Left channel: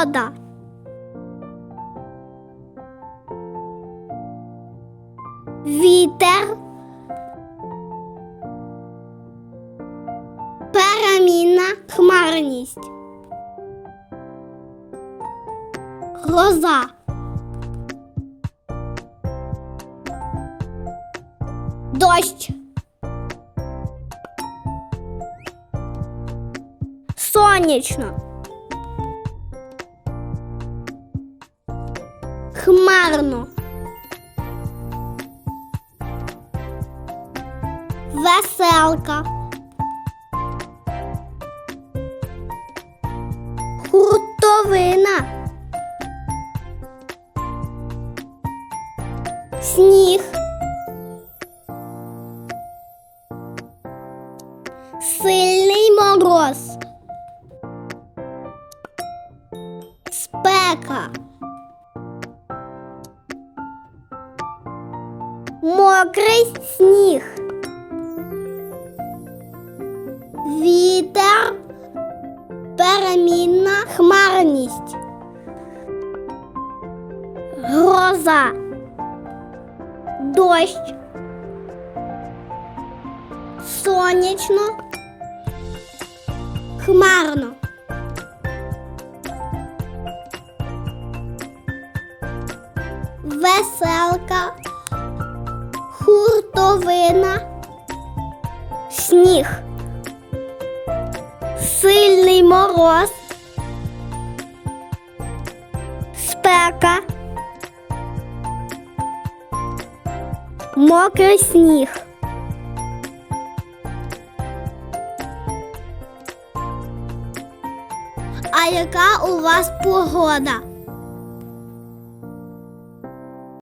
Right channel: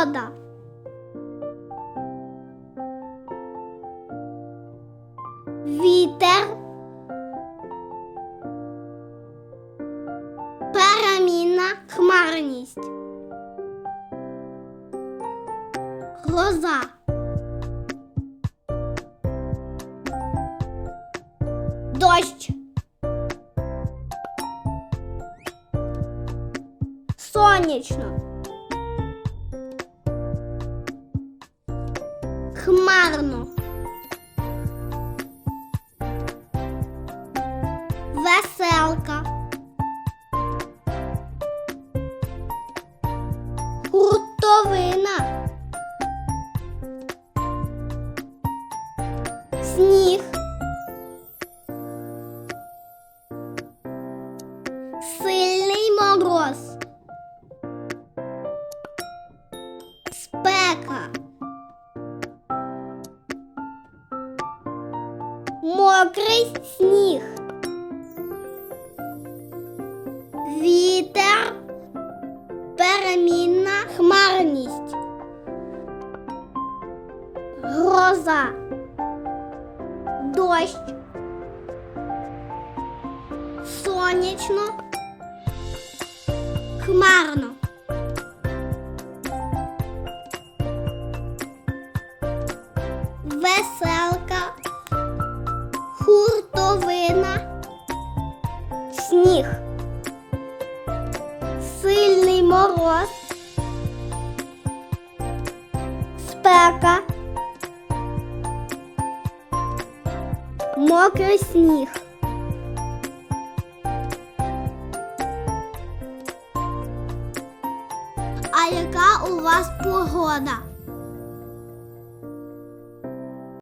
погода. Вітер. Перемінна хмарність. Гроза. Дощ. Сонячно. Хмарно. Веселка. Хуртовина. Сніг. Сильний мороз. Спека. Мокрий сніг. Вітер. Перемінна хмарність. Гроза. Дощ. Сонячно. Хмарно. Веселка. Хуртовина. Сніг. Сильний мороз. Спека. Мокрий сніг. А яка у вас погода?